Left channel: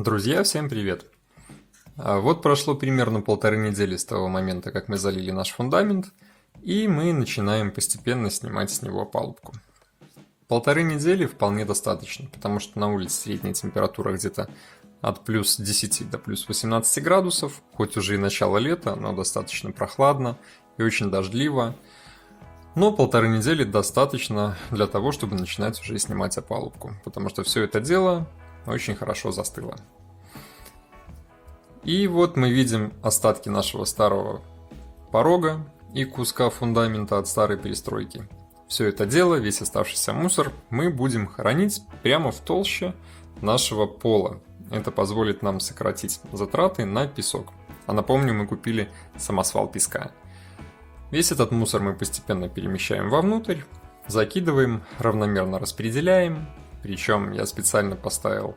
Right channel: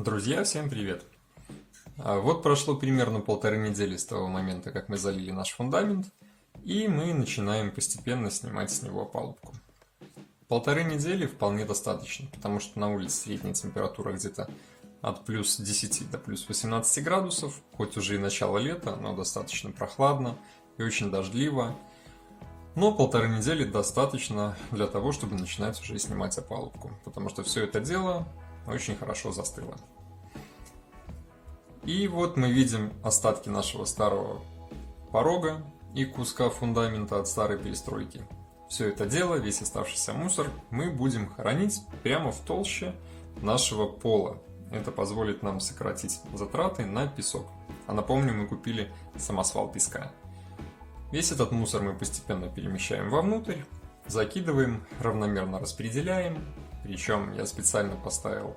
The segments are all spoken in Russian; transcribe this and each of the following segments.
Друзья, всем привет! Вот прошло примерно 1,5 недели с того момента, как мы залили наш фундамент, и мы начинаем постепенно снимать с него опалубку. 1,5 недели вполне достаточно, потому что на улице средняя температура где-то от плюс 10 до плюс 18 градусов, хоть уже и начало лета, но достаточно прохладно и очень дождливо. Но 1,5 недели достаточно для того, чтобы начинать уже снимать опалубку, потому что все это дело очень хорошо застыло. И вот мы видим остатки нашего старого порога и куска фундамента от старой перестройки. Все это дело, весь оставшийся мусор, мы будем хранить прямо в толще нашего пола. Это позволит нам сократить затраты на песок. А напомню, мы купили самосвал песка. Весь этот мусор мы постепенно перемещаем вовнутрь, закидываем, равномерно распределяем. Причем я специально поставил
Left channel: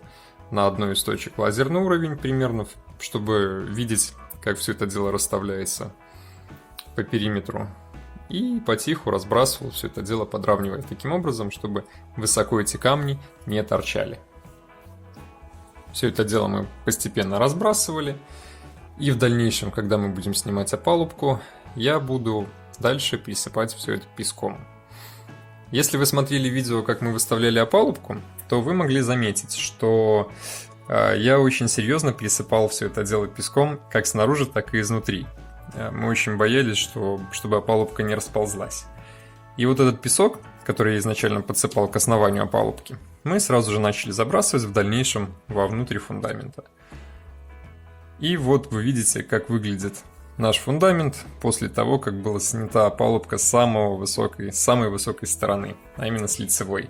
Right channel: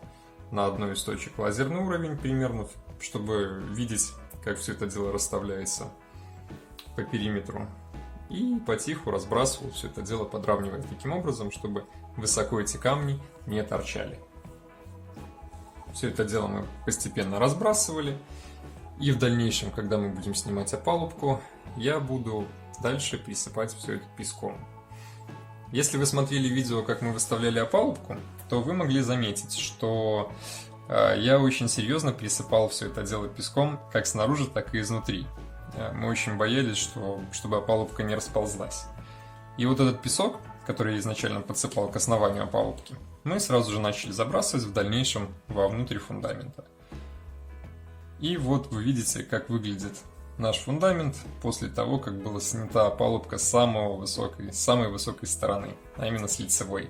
на одной из точек лазерный уровень примерно, чтобы видеть, как все это дело расставляется по периметру. И потиху разбрасывал все это дело, подравнивая таким образом, чтобы высоко эти камни не торчали. Все это дело мы постепенно разбрасывали. И в дальнейшем, когда мы будем снимать опалубку, я буду дальше присыпать все это песком. Если вы смотрели видео, как мы выставляли опалубку, то вы могли заметить, что я очень серьезно присыпал все это дело песком, как снаружи, так и изнутри. Мы очень боялись, чтобы опалубка не расползлась. И вот этот песок, который я изначально подсыпал к основанию опалубки, мы сразу же начали забрасывать в дальнейшем вовнутрь фундамента. И вот вы видите, как выглядит наш фундамент после того, как была снята опалубка с самой высокой стороны, а именно с лицевой.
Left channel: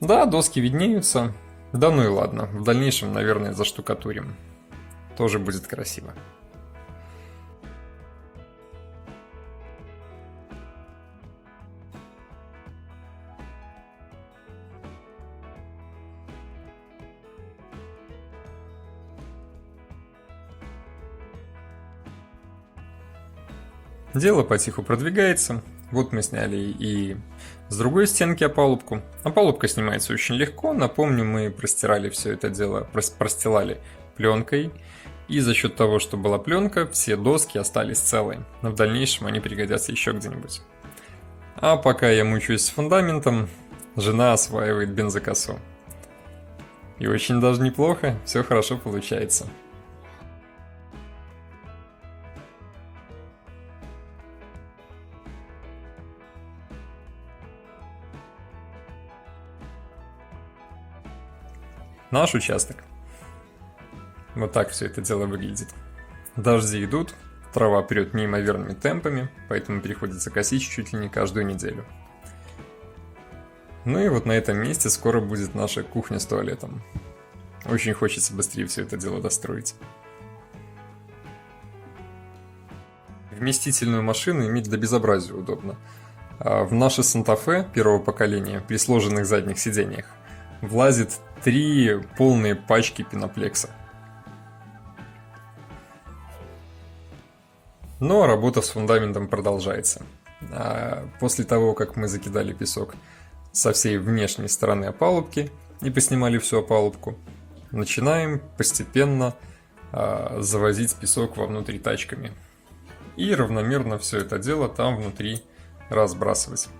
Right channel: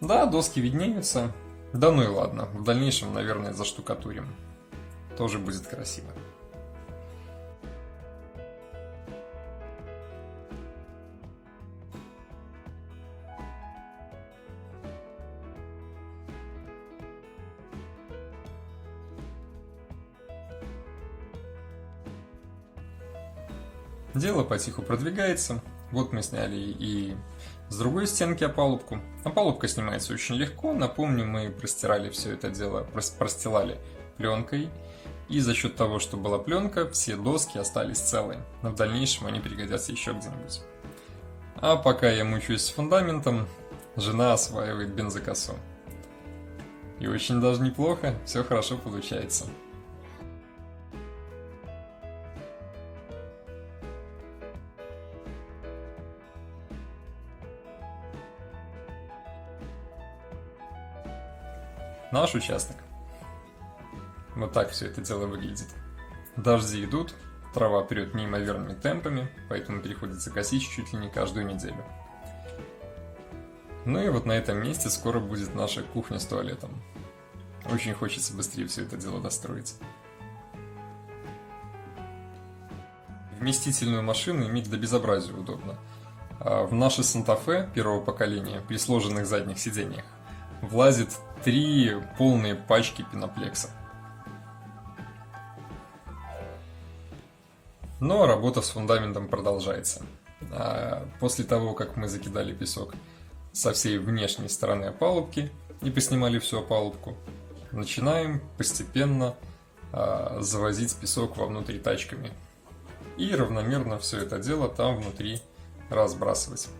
Да, доски виднеются, да ну и ладно, в дальнейшем, наверное, заштукатурим. Тоже будет красиво. Дело потиху продвигается. Вот мы сняли и с другой стенки опалубку. Опалубка снимается очень легко. Напомню, мы простирали все это дело, простилали пленкой. И за счет того, что была пленка, все доски остались целые. Но в дальнейшем они пригодятся еще где-нибудь. А пока я мучаюсь с фундаментом, жена осваивает бензокосу. И очень даже неплохо, все хорошо получается. Наш участок. Вот так все это дело выглядит. Дожди идут, трава прет неимоверными темпами, поэтому приходится косить чуть ли не каждую неделю. Ну и вот на этом месте скоро будет наша кухня с туалетом. Очень хочется быстрее все это дело достроить. Вместительную машину иметь до безобразия удобно. В наши Санта-Фе первого поколения при сложенных задних сиденьях влазит 3 полные пачки пеноплекса. Но работа с фундаментом продолжается. После того, как мы закидали песок со всей внешней стороны опалубки и поснимали всю опалубку, начинаем постепенно завозить песок вовнутрь тачками. И равномерно все это дело там внутри разбрасывать.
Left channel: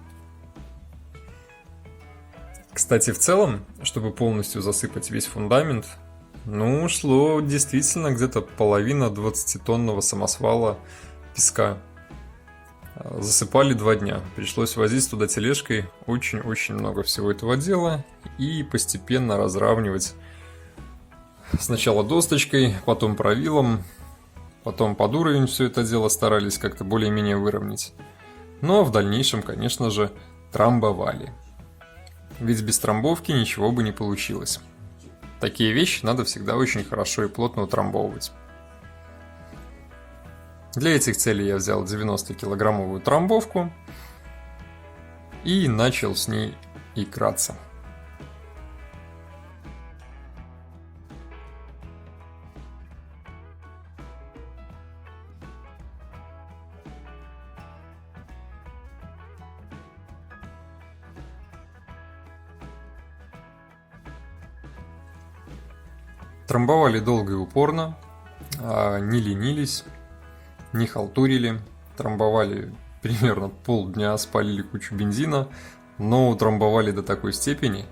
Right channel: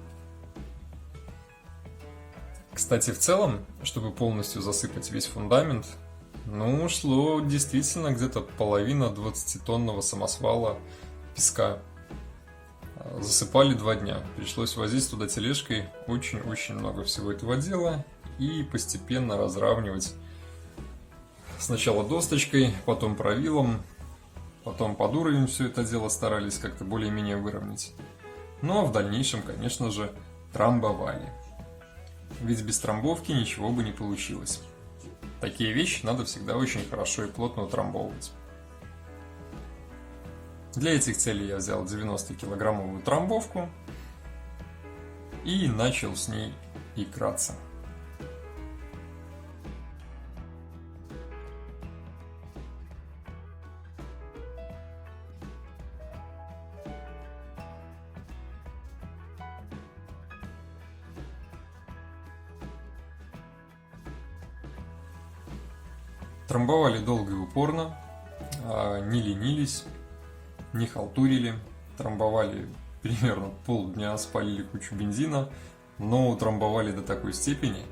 Кстати, в целом, чтобы полностью засыпать весь фундамент, шло действительно где-то половина 20-тонного самосвала песка. Засыпали 2 дня. Пришлось возить туда тележкой очень-очень много всего этого дела и постепенно разравнивать сначала досточкой, потом правилом, потом под уровень все это дело старались как-то более-менее выровнять. Но в дальнейшем, конечно же, трамбовали. Ведь без трамбовки ничего бы не получилось. Такие вещи надо всегда очень хорошо и плотно утрамбовывать. Для этих целей я взял 90-килограммовую трамбовку и начал с ней играться. Трамбовали долго и упорно, не ленились, не халтурили, трамбовали примерно полдня, спалили кучу бензина, но утрамбовали до такой степени,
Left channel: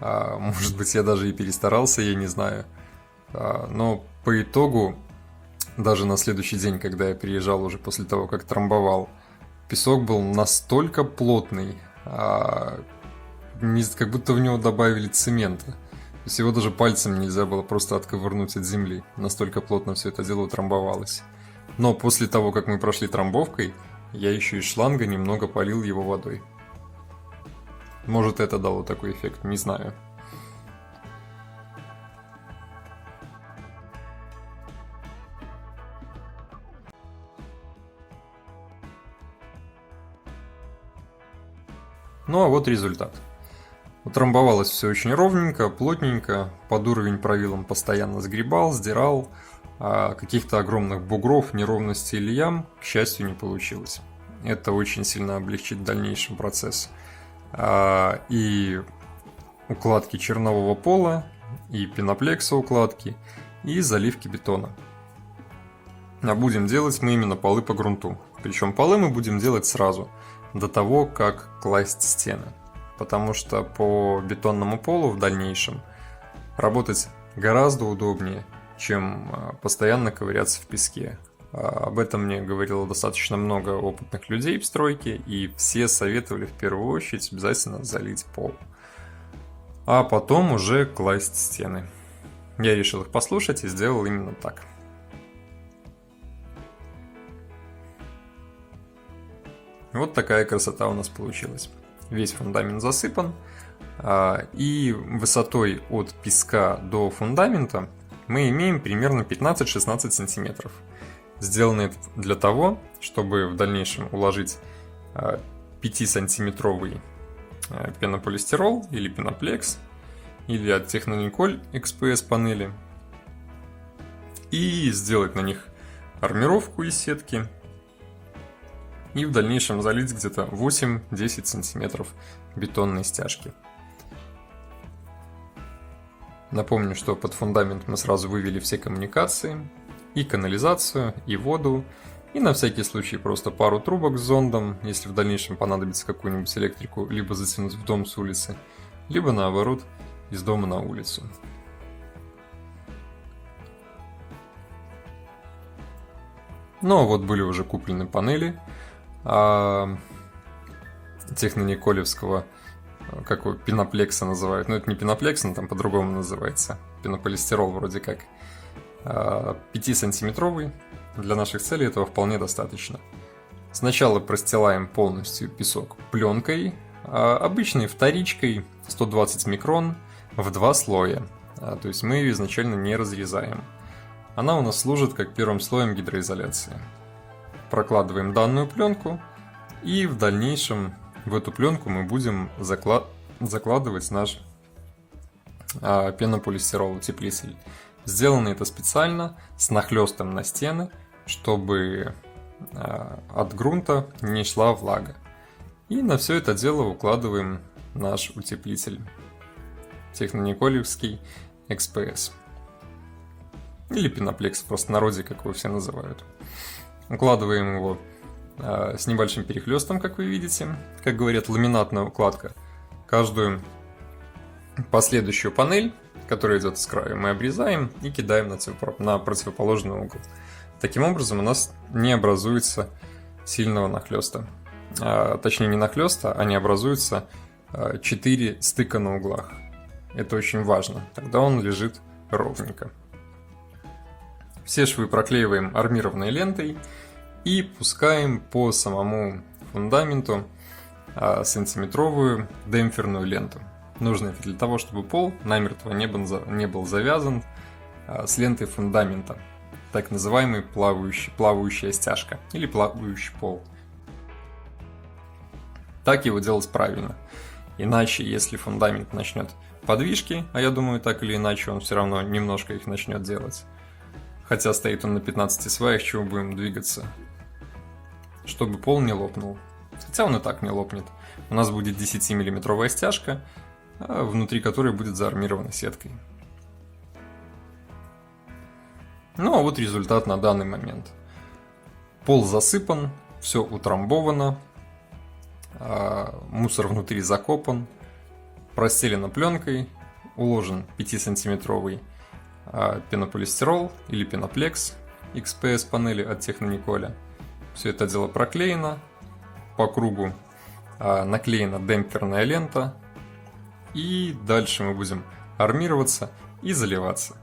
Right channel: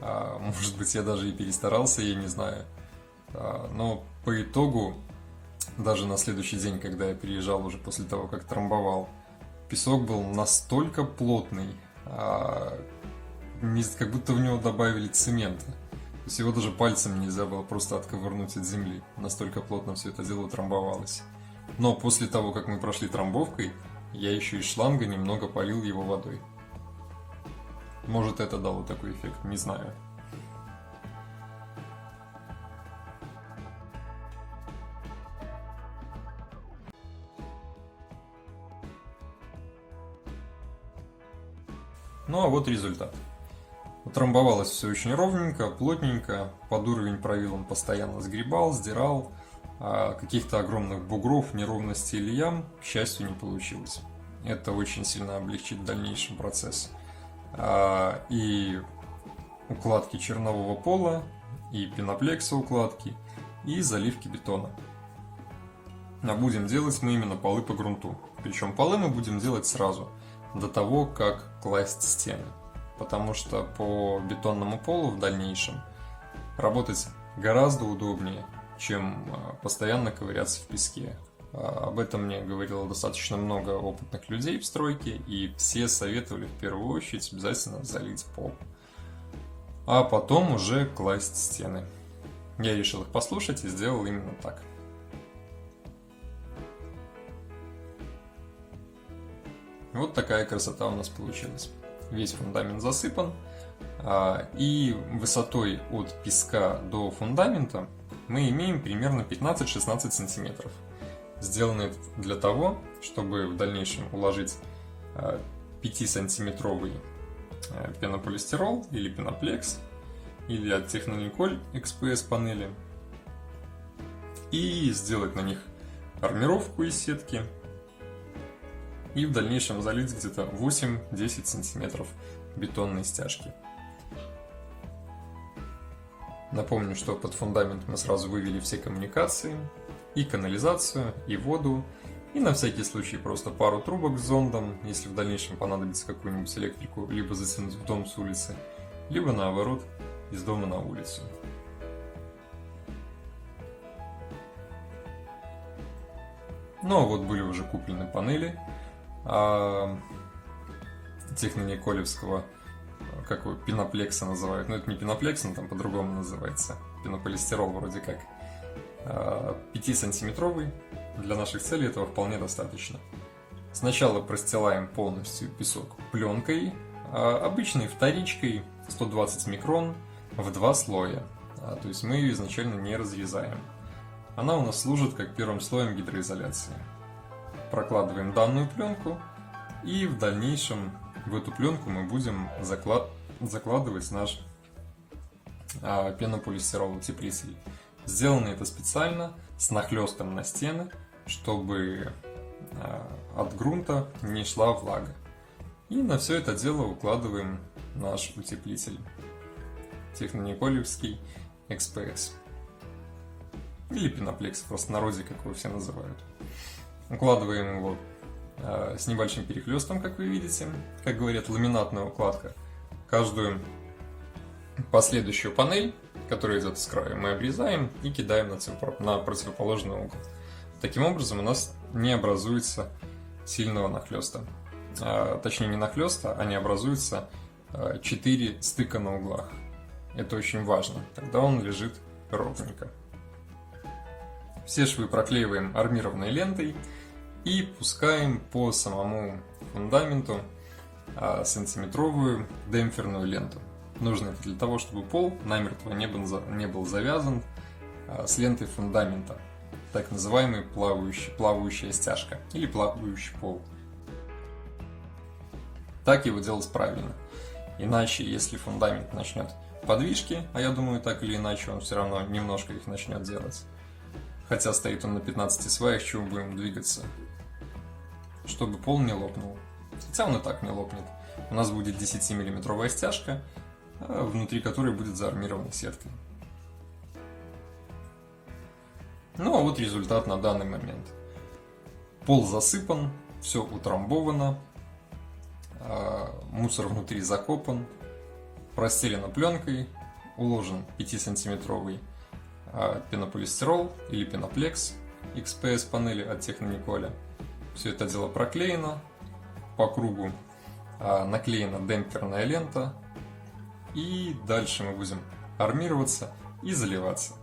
может быть, я даже и перестарался, я не знаю, но по итогу, даже на следующий день, когда я приезжал уже после того, как трамбовал, песок был настолько плотный, как будто в него добавили цемента. То есть его даже пальцем нельзя было просто отковырнуть от земли. Настолько плотно все это дело утрамбовалось. Но после того, как мы прошли трамбовкой, я еще из шланга немного полил его водой. Может, это дало такой эффект, не знаю. Ну а вот результат. Утрамбовалось все очень ровненько, плотненько, под уровень правилом постоянно сгребал, сдирал, а каких-то огромных бугров, неровностей или ям, к счастью, не получилось. Это очень сильно облегчит в дальнейшем процесс. И укладки чернового пола, и пеноплекса укладки, и заливки бетона. А будем делать мы именно полы по грунту. Причем полы мы будем делать сразу, до того, как класть стены. Потому что по бетонному полу в дальнейшем работать гораздо удобнее, чем постоянно ковыряться в песке. Об этом мне говорило достаточно много опытных людей в стройке, и все советовали в первую очередь обязательно залить пол, а потом уже класть стены. Я решил их послушать и сделал именно так. Вот такая красота у нас получилась. Весь фундамент засыпан, и высотой от песка до фундамента мы имеем примерно 15-16 сантиметров. Сделано это для того, чтобы в дальнейшем уложить 5-сантиметровый пенополистирол или пеноплекс, или от Технониколь XPS панели, и сделать на них армировку из сетки, и в дальнейшем залить где-то 8-10 сантиметров бетонной стяжки. Напомню, что под фундамент мы сразу вывели все коммуникации, и канализацию, и воду, и на всякий случай просто пару трубок с зондом, если в дальнейшем понадобится какую-нибудь электрику либо затянуть в дом с улицы, либо наоборот из дома на улицу. Ну а вот были уже куплены панели технониколевского, как его, пеноплекса называют. Но это не пеноплекс, он там по-другому называется. Пенополистирол вроде как. 5-сантиметровый. Для наших целей этого вполне достаточно. Сначала простилаем полностью песок пленкой, обычной вторичкой 120 микрон в 2 слоя. То есть мы ее изначально не разрезаем. Она у нас служит как первым слоем гидроизоляции. Прокладываем данную пленку, и в дальнейшем в эту пленку мы будем закладывать наш пенополистирол утеплитель. Сделано это специально с нахлестом на стены, чтобы от грунта не шла влага. И на все это дело укладываем наш утеплитель Технониколевский XPS. Или пеноплекс в простонародье, как его все называют. Укладываем его с небольшим перехлестом, как вы видите. Как говорят, ламинатная укладка. Каждую последующую панель, которая идет с краю, мы обрезаем и кидаем на противоположный угол. Таким образом у нас не образуется сильного нахлеста. Точнее, не нахлеста, а не образуется 4 стыка на углах. Это очень важно. Тогда он лежит ровненько. Все швы проклеиваем армированной лентой и пускаем по самому фундаменту сантиметровую демпферную ленту. Нужно это для того, чтобы пол намертво не был завязан с лентой фундамента. Так называемый плавающая стяжка или плавающий пол. Так его делать правильно. Иначе, если фундамент начнет подвижки, а я думаю, так или иначе он все равно немножко их начнет делать. Хотя стоит он на 15 сваях, чего будем двигаться, чтобы пол не лопнул. Хотя он и так не лопнет. У нас будет 10-миллиметровая стяжка, внутри которой будет заармирована сеткой. Ну а вот результат на данный момент. Пол засыпан, все утрамбовано, мусор внутри закопан, простелено пленкой, уложен 5-сантиметровый пенополистирол или пеноплекс XPS панели от Технониколя. Все это дело проклеено, по кругу наклеена демпферная лента, и дальше мы будем армироваться и заливаться.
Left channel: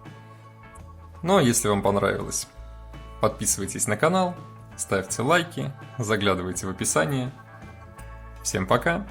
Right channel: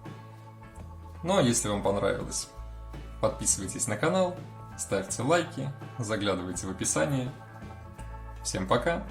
Ну а если вам понравилось, подписывайтесь на канал, ставьте лайки, заглядывайте в описание. Всем пока!